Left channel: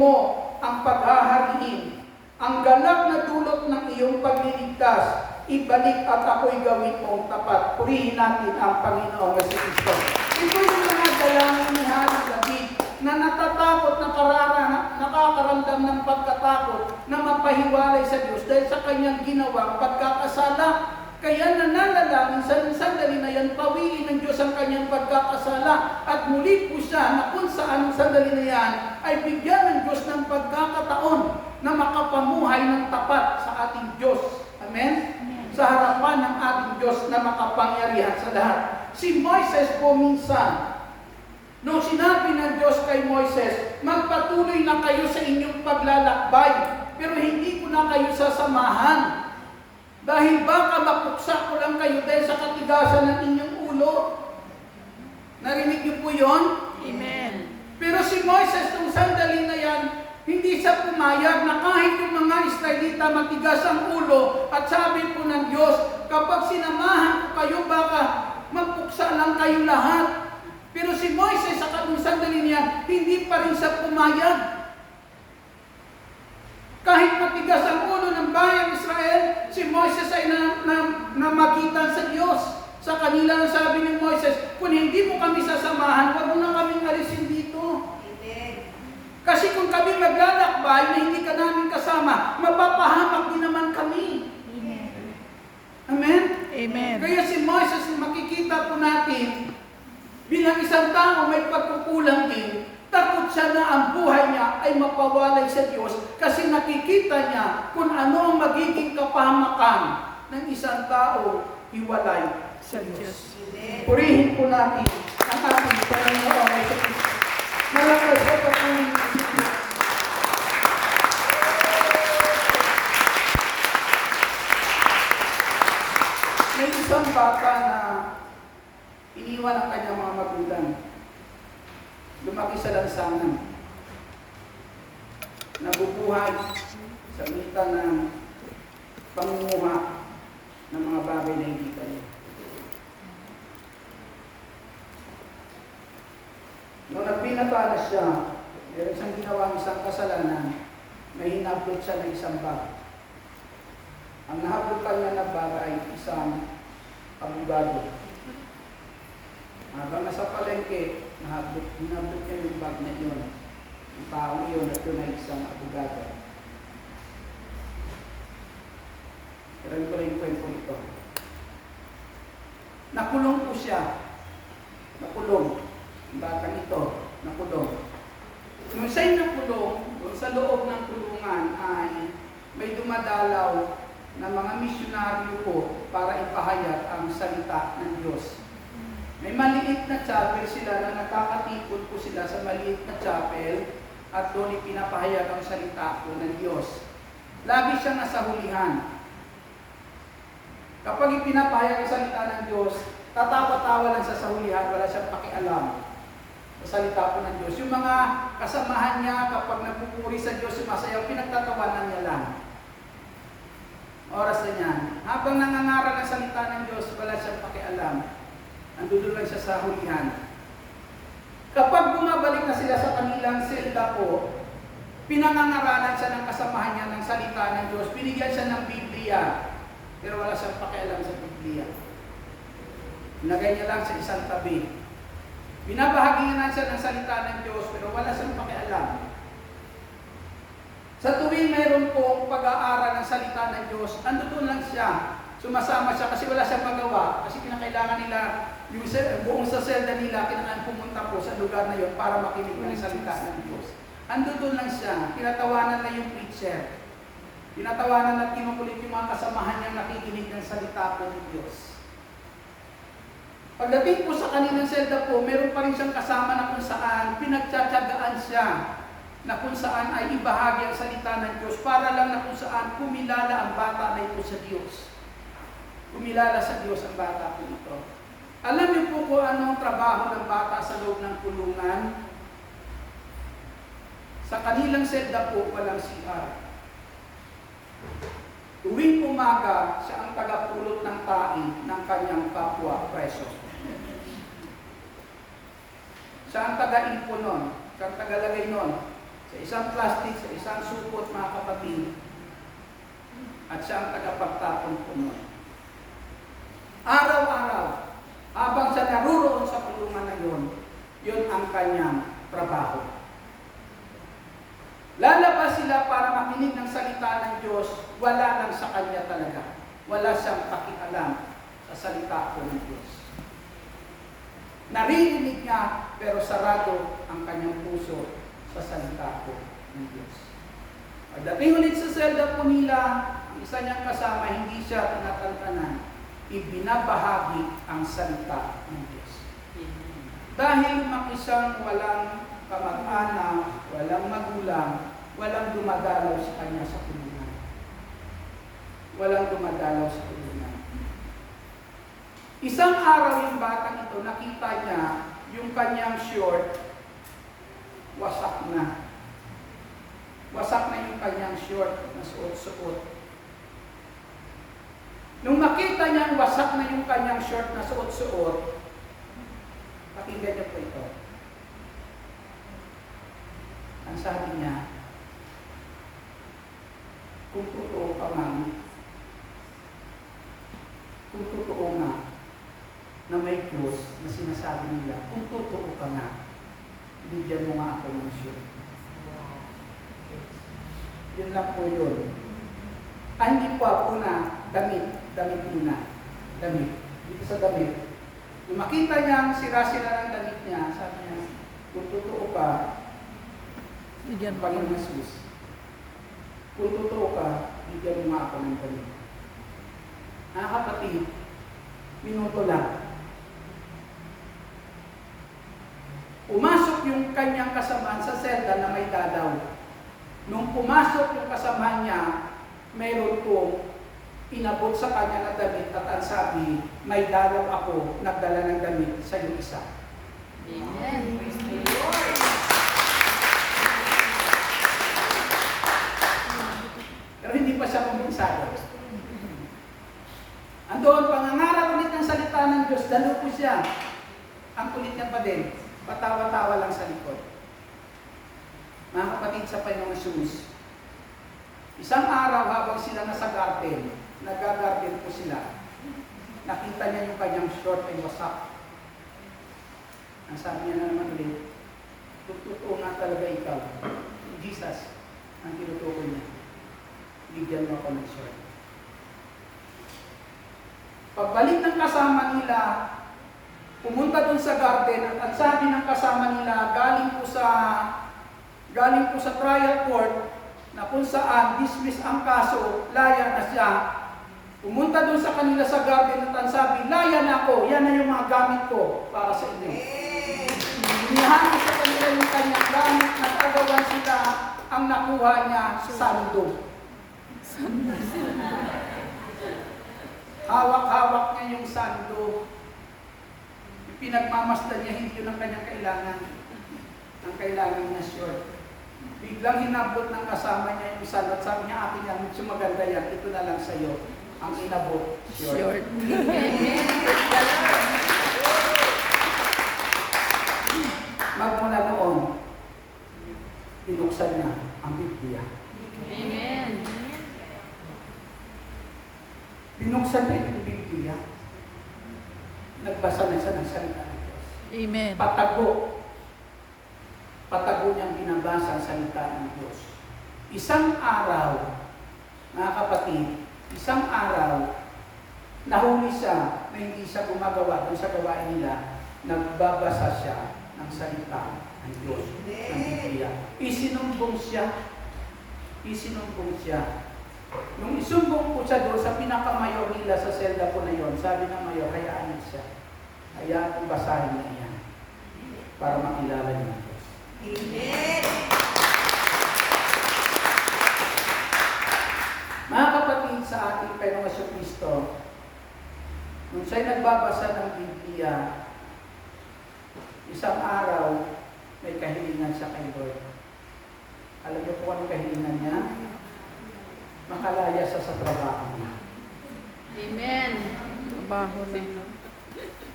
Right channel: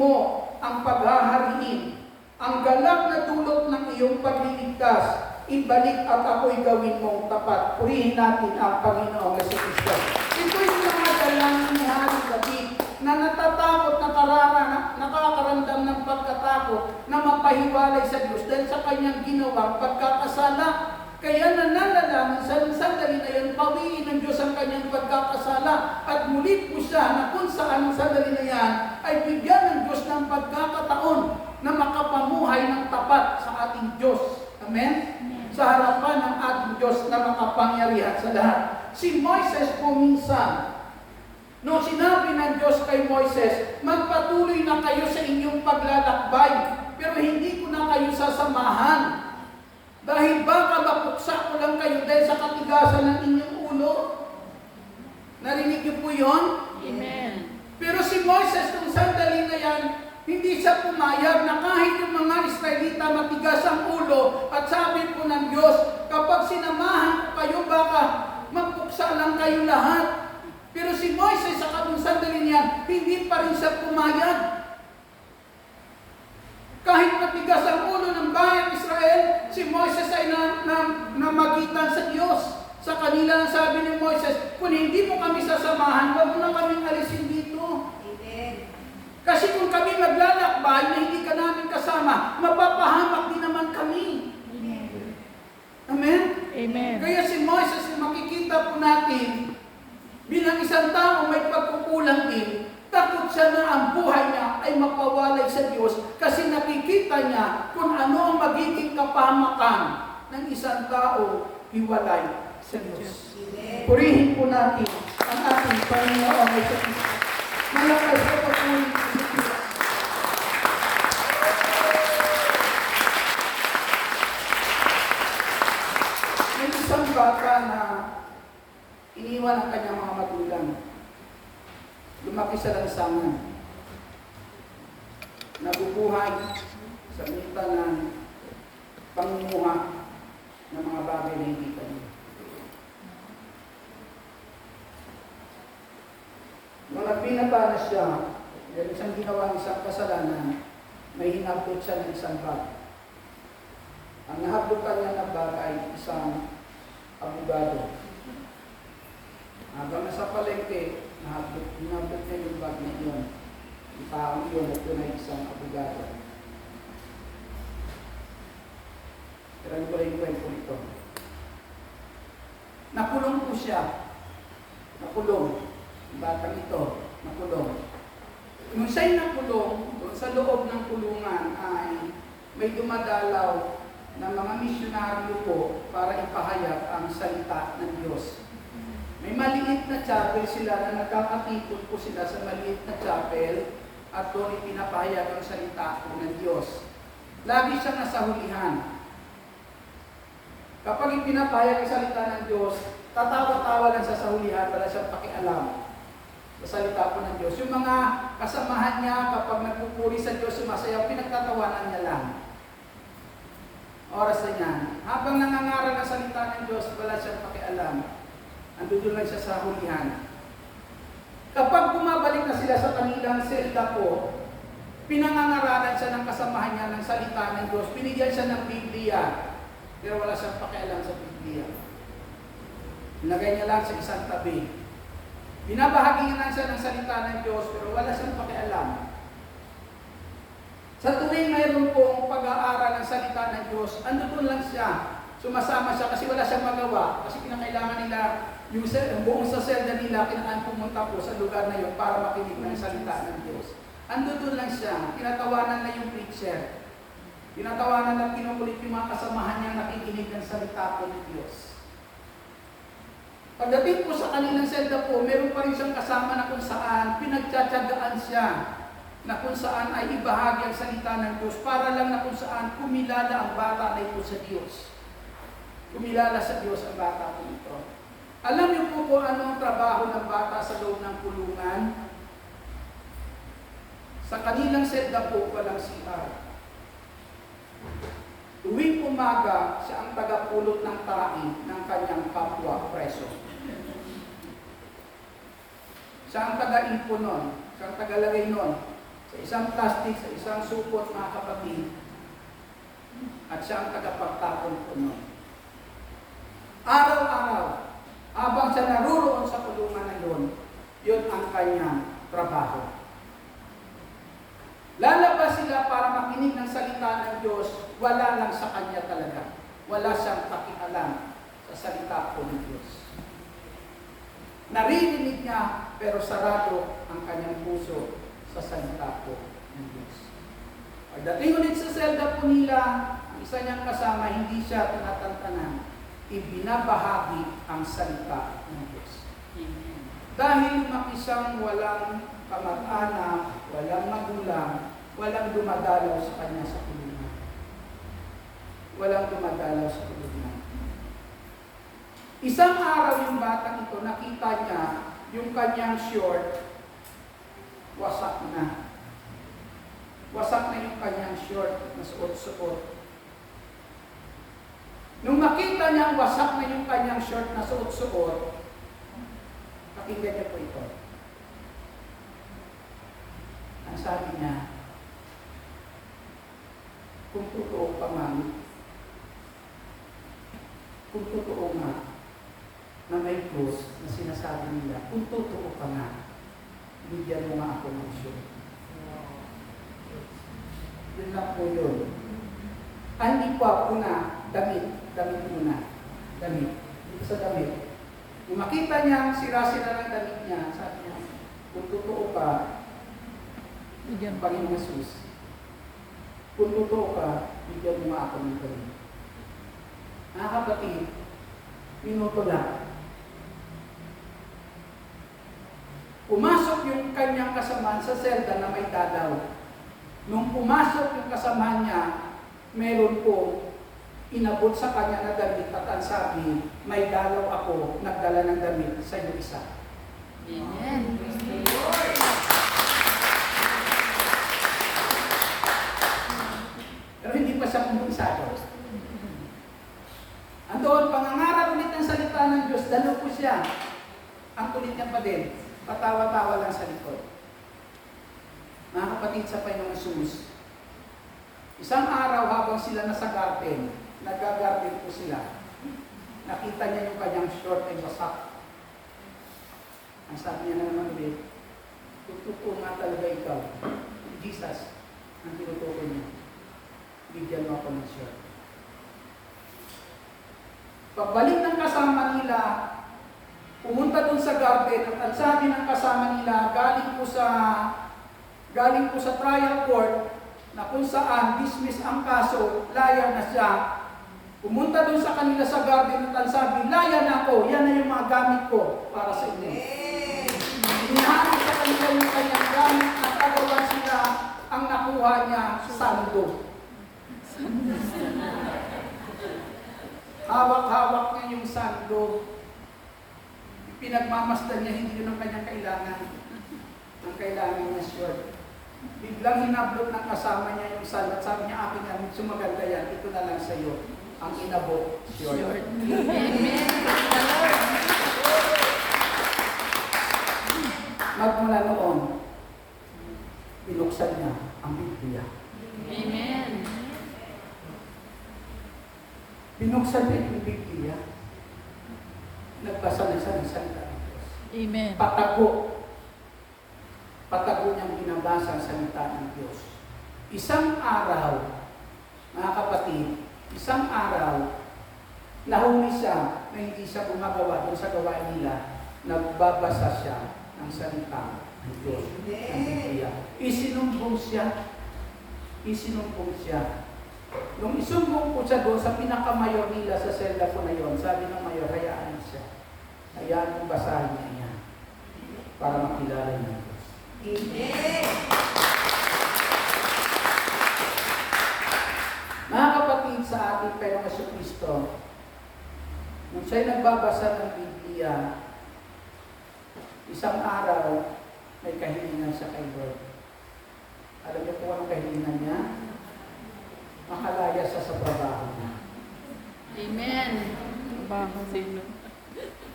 mo ang paghahariin, ang galak na dulot ng iyong pagliligtas, ibalik at ako'y gawin mong tapat. Purihin natin ang Panginoong Kristo. Ito yung mga dalangin ni Hari David na natatakot, nakakaramdam ng pagkatakot na mapahiwalay sa Diyos dahil sa kanyang ginawang pagkakasala. Kaya nananalangin sa sandali na yan, pawiin ng Diyos ang kanyang pagkakasala at muli po siya na kung saan ang sandali na yan ay bigyan ng Diyos ng pagkakataon na makapamuhay ng tapat sa ating Diyos. Amen? Sa harapan ng ating Diyos na makapangyarihan sa lahat. Si Moises po minsan, nung sinabi ng Diyos kay Moises, magpatuloy na kayo sa inyong paglalakbay, pero hindi ko na kayo sasamahan. Dahil baka mapuksa ko lang kayo dahil sa katigasan ng inyong ulo. Narinig niyo po yun? Amen. Pero si Moises, nung sandali na yan, hindi siya pumayag na kahit yung mga Israelita matigas ang ulo at sabi po ng Diyos, kapag sinamahan ko kayo, baka mapuksa lang kayo lahat. Pero si Moises sa kanong sandali niyan, hindi pa rin siya pumayag. Kahit matigas ang ulo ng bayang Israel, si Moises ay namagitan sa Diyos. Sa kanila ang sabi ni Moises, kung hindi mo kami sasamahan, huwag mo na kaming alisin dito. Amen. Kasi kung kami maglalakbay na hindi ka namin kasama, mapapahamak din naman kami. Amen? Amen. Kaya si Moises, makikita po natin, bilang isang tao may pagkukulang din, takot siya na ang buhay niya ay mapawalay sa Diyos kasi nakikita niya kung ano ang magiging kapahamakan ng isang tao hiwalay sa Diyos. Purihin po natin ang ating Panginoon ay sa Diyos. Malakas sa patuloy. May isang bata na iniwan ang kanyang mga magulang. Lumaki sa lansangan. Nabubuhay sa mitan ng pangunguha ng mga bagay na hindi kanya. Nung nagbinata na siya, meron siyang ginawa isang kasalanan, may hinablot siya ng isang bag. Ang nahablot kanya na bag ay isang abogado. Habang nasa palengke, hinablot niya yung bag na iyon. Yung taong iyon at yun ay isang abogado. Kailan ko lang yung kwento ito. Nakulong po siya. Nakulong. Yung batang ito, nakulong. Nung siya'y nakulong, doon sa loob ng kulungan ay may dumadalaw na mga misyonaryo po para ipahayag ang salita ng Diyos. May maliit na chapel sila na nakakatipon po sila sa maliit na chapel at doon ipinapahayag ang salita po ng Diyos. Lagi siyang nasa hulihan. Kapag ipinapahayag ang salita ng Diyos, tatawa-tawa lang sa hulihan, wala siyang pakialam sa salita po ng Diyos. Yung mga kasamahan niya kapag nagpupuri sa Diyos, sumasayaw, pinagtatawanan niya lang. Oras na yan. Habang nangangaral ang salita ng Diyos, wala siyang pakialam. Andun lang siya sa hulihan. Kapag bumabalik na sila sa kanilang selda po, pinangangaralan siya ng kasamahan niya ng salita ng Diyos. Binigyan siya ng Biblia, pero wala siyang pakialam sa Biblia. Nilagay niya lang sa isang tabi. Binabahaginan siya ng salita ng Diyos, pero wala siyang pakialam. Sa tuwing mayroon pong pag-aaral ng salita ng Diyos, andun lang siya. Sumasama siya kasi wala siyang magawa. Kasi kinakailangan nila, yung buong sa selda nila, kinakailangan pumunta po sa lugar na yun para makinig ng salita ng Diyos. Andun lang siya. Tinatawanan na yung preacher. Tinatawanan na kinukulit yung mga kasamahan niya nakikinig ng salita po ng Diyos. Pagdating po sa kanilang selda po, meron pa rin siyang kasama na kung saan pinagtsatsagaan siya na kung saan ay ibahagi ang salita ng Diyos para lang na kung saan kumilala ang bata na ito sa Diyos. Kumilala sa Diyos ang bata po ito. Alam niyo po kung anong trabaho ng bata sa loob ng kulungan? Sa kanilang selda po, walang CR. Tuwing umaga, siya ang tagapulot ng taing ng kanyang kapwa preso. Siya ang taga-ipon nun. Siya ang tagalagay nun Sa isang plastic, sa isang supot, mga kapatid, at siya ang tagapagtapon po nun. Araw-araw, habang siya naruroon sa kulungan na yun ang kanyang trabaho. Lalabas sila para makinig ng salita ng Diyos, wala lang sa kanya talaga. Wala siyang pakialam sa salita po ng Diyos. Naririnig niya, pero sarado ang kanyang puso sa salita po ng Diyos. Pagdating ulit sa selda po nila, ang isa niyang kasama, hindi siya tinatantanan, ibinabahagi ang salita ng Diyos. Dahil makisang walang kamag-anak, walang magulang, walang dumadalaw sa kanya sa kulungan. Walang dumadalaw sa kulungan. Isang araw yung batang ito, nakita niya yung kanyang short, wasak na. Wasak na yung kanyang short na suot-suot. Nung makita niya wasak na yung kanyang short na suot-suot, pakinggan niyo po ito. Ang sabi niya, kung totoo pa man, kung totoo nga, na may Diyos na sinasabi nila, kung totoo ka nga, bigyan mo nga ako ng short. Yun lang po yun. Hindi pa una, damit muna. Damit. Dito sa damit. Nung makita niya, sira-sira ng damit niya, sabi niya, kung totoo ka, bigyan Panginoong Jesus. Kung totoo ka, bigyan mo nga ako ng damit. Kapatid, minuto lang. Pumasok yung kanyang kasamaan sa selda na may dalaw. Nung pumasok yung kasama niya, mayroon po inabot sa kanya na damit at ang sabi, may dalaw ako, nagdala ng damit sa iyo isa. Amen. Pero hindi pa siya kumbensado. Andoon, pangangaral ulit ng salita ng Diyos, dalo po siya. Ang kulit niya pa din, patawa-tawa lang sa likod. Mga kapatid sa Panginoong Jesus, isang araw habang sila nasa garden, nag-garden po sila, nakita niya yung kanyang short ay wasak. Ang sabi niya na naman ulit, totoo nga talaga ikaw, Jesus, ang tinutukoy niya, bigyan mo ako ng short. Pagbalik ng kasama nila, pumunta dun sa garden at ang sabi ng kasama nila, galing po sa trial court na kung saan dismiss ang kaso, laya na siya. Pumunta doon sa kanila sa garden at ang sabi, laya na ako, yan na yung mga gamit ko para sa inyo. Inihangin sa kanila yung kanyang gamit, nagkagawan sila, ang nakuha niya, sando. Hawak-hawak niya yung sando. Pinagmamasdan niya, hindi yun ang kanyang kailangan. Ang kailangan niya short. Biglang hinablot ng kasama niya yung sando at sabi niya, akin yan, medyo maganda yan, ito na lang sa'yo. Ang inabot, short. Magmula noon, binuksan niya ang Biblia. Amen. Binuksan niya yung Biblia. Nagbasa na siya ng salita ng Diyos. Amen. Patago niyang binabasa ang salita ng Diyos. Isang araw, mga kapatid, isang araw, nahuli siya na hindi siya gumagawa doon sa gawain nila, nagbabasa siya ng salita ng Diyos, ng Biblia. Isinumbong siya. Nung isumbong po siya doon sa pinakamayor nila sa selda po na yon, sabi ng mayor, hayaan niya siya. Hayaan kong basahin niya yan para makilala niya ang Diyos. Amen. Mga kapatid sa ating Panginoong Jesucristo, nung siya'y nagbabasa ng Biblia, isang araw, may kahilingan siya kay Lord. Alam niyo kung anong kahilingan niya? Makalaya siya sa trabaho niya. Amen.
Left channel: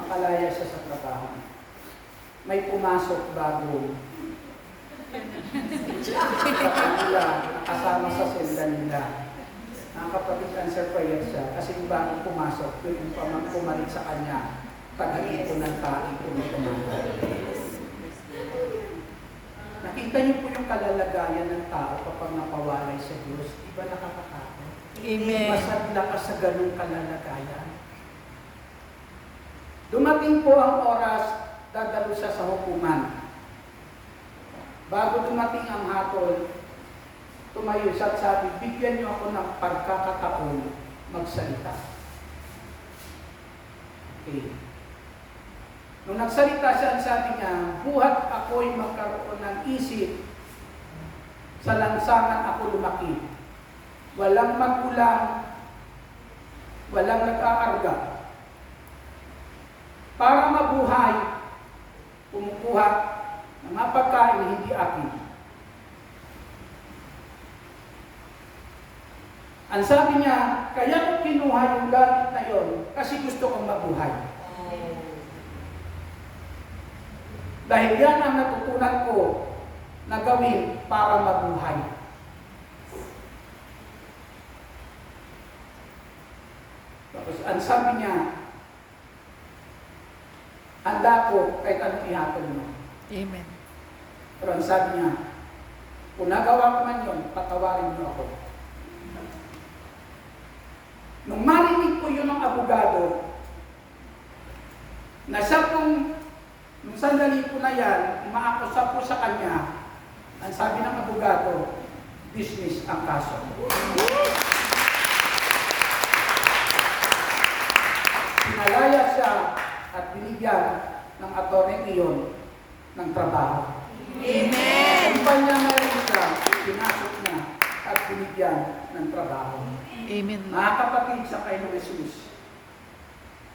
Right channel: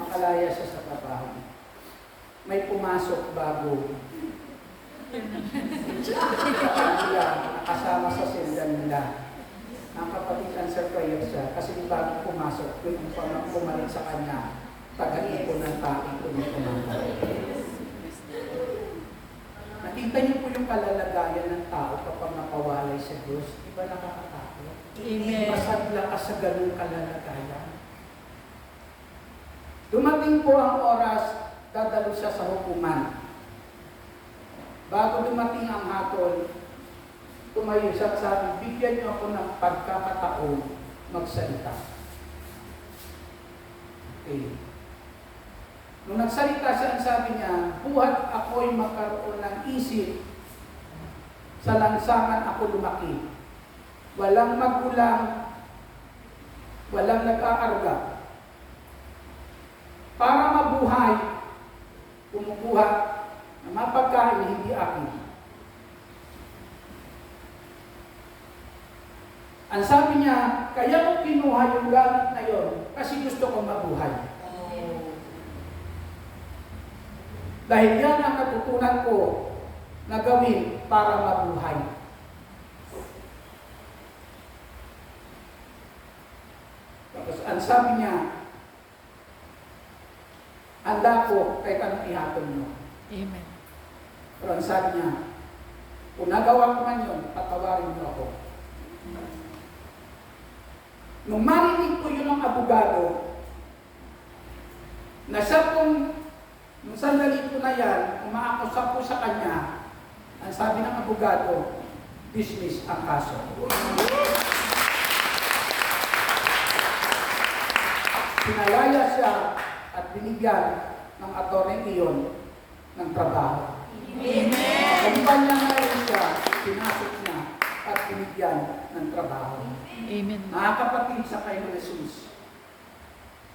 Makalaya siya sa trabaho niya. May pumasok bago nila, nakasama sa silda nila. Ang kapatid cancer prayer siya kasi bago pumasok, yung pamang pumalit sa kanya, taga-ipon ng taing kumakamata. Nakita niyo po yung kalalagayan ng tao kapag napawalay sa Diyos. Di ba nakakatakot? Amen. Masadla ka sa ganung kalalagayan. Dumating po ang oras, dadalo siya sa hukuman. Bago dumating ang hatol, tumayo siya at sabi, bigyan niyo ako ng pagkakataon magsalita. Okay. Nung nagsalita siya, ang sabi niya, buhat ako'y magkaroon ng isip, sa lansangan ako lumaki. Walang magkulang, walang nag-aarga. Para mabuhay, kumukuha ng mga pagkain na hindi akin. Ang sabi niya, kaya ko kinuha yung gamit na yon kasi gusto kong mabuhay. Dahil yan ang natutunan ko na gawin para mabuhay. Tapos ang sabi niya, handa ko kahit anong ihapon mo. Amen. Pero ang sabi niya, kung nagawa ko man yun, patawarin mo ako. Nung marinig ko yun ng abogado, na siya pong, nung sandali ko na yan, umaakusa po sa kanya, ang sabi ng abogado, dismiss ang kaso. Pinalaya siya at binigyan ng attorney iyon ng trabaho. Amen. Ang iba niya na rin siya, pinasok niya at binigyan ng trabaho. Amen. Mga kapatid sa kayo ng Jesus,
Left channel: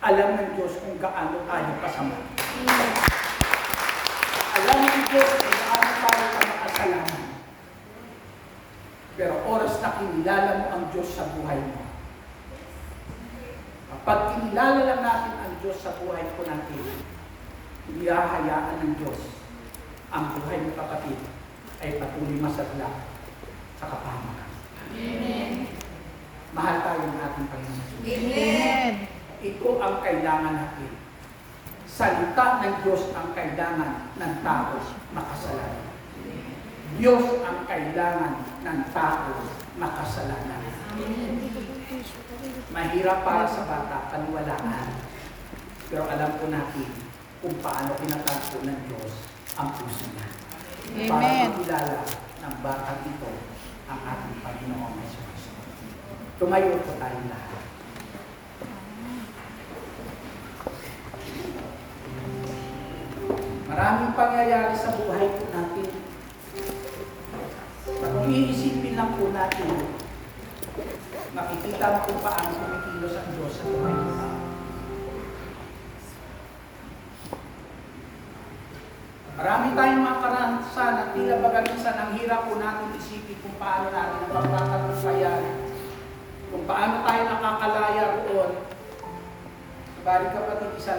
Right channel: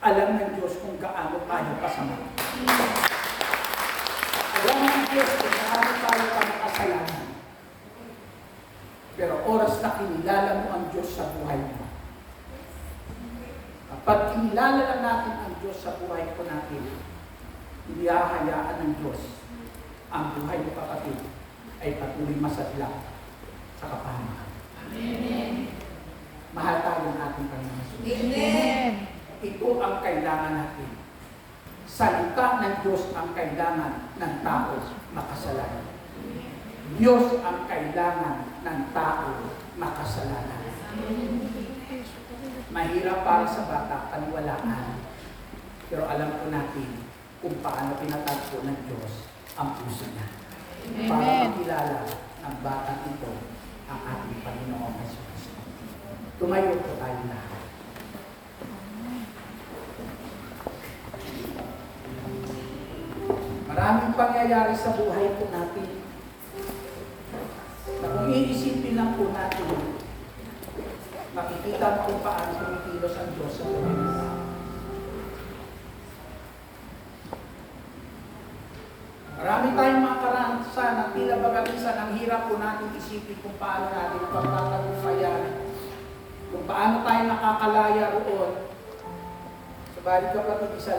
alam ng Diyos kung gaano tayo kasama. Alam ng Diyos kung gaano tayo makasalanan. Pero oras na kinilala mo ang Diyos sa buhay mo. Kapag kinilala lang natin ang Diyos sa buhay ko natin, hindi hahayaan ng Diyos ang buhay mo kapatid ay patuloy masadla sa kapahamakan. Amen. Mahal tayo ng ating Panginoon Jesus. Amen. Ito ang kailangan natin. Salita ng Diyos ang kailangan ng tao makasalanan. Diyos ang kailangan ng tao makasalanan. Mahirap para sa bata, paniwalaan. Pero alam ko natin kung paano pinatagpo ng Diyos ang puso niya. Para Amen. makilala ng batang ito ang ating Panginoong Jesus. Tumayo po tayo lahat. Maraming pangyayari sa buhay po natin na kung iisipin lang po natin, makikita mo kung paano kumikilos ang Diyos sa buhay ng tao. Marami tayong mga karanasan na tila bagamisan ang hirap po natin isipin kung paano natin ang pagtatagumpayan, kung paano tayo nakakalaya roon. Sabali kapatid, isa lang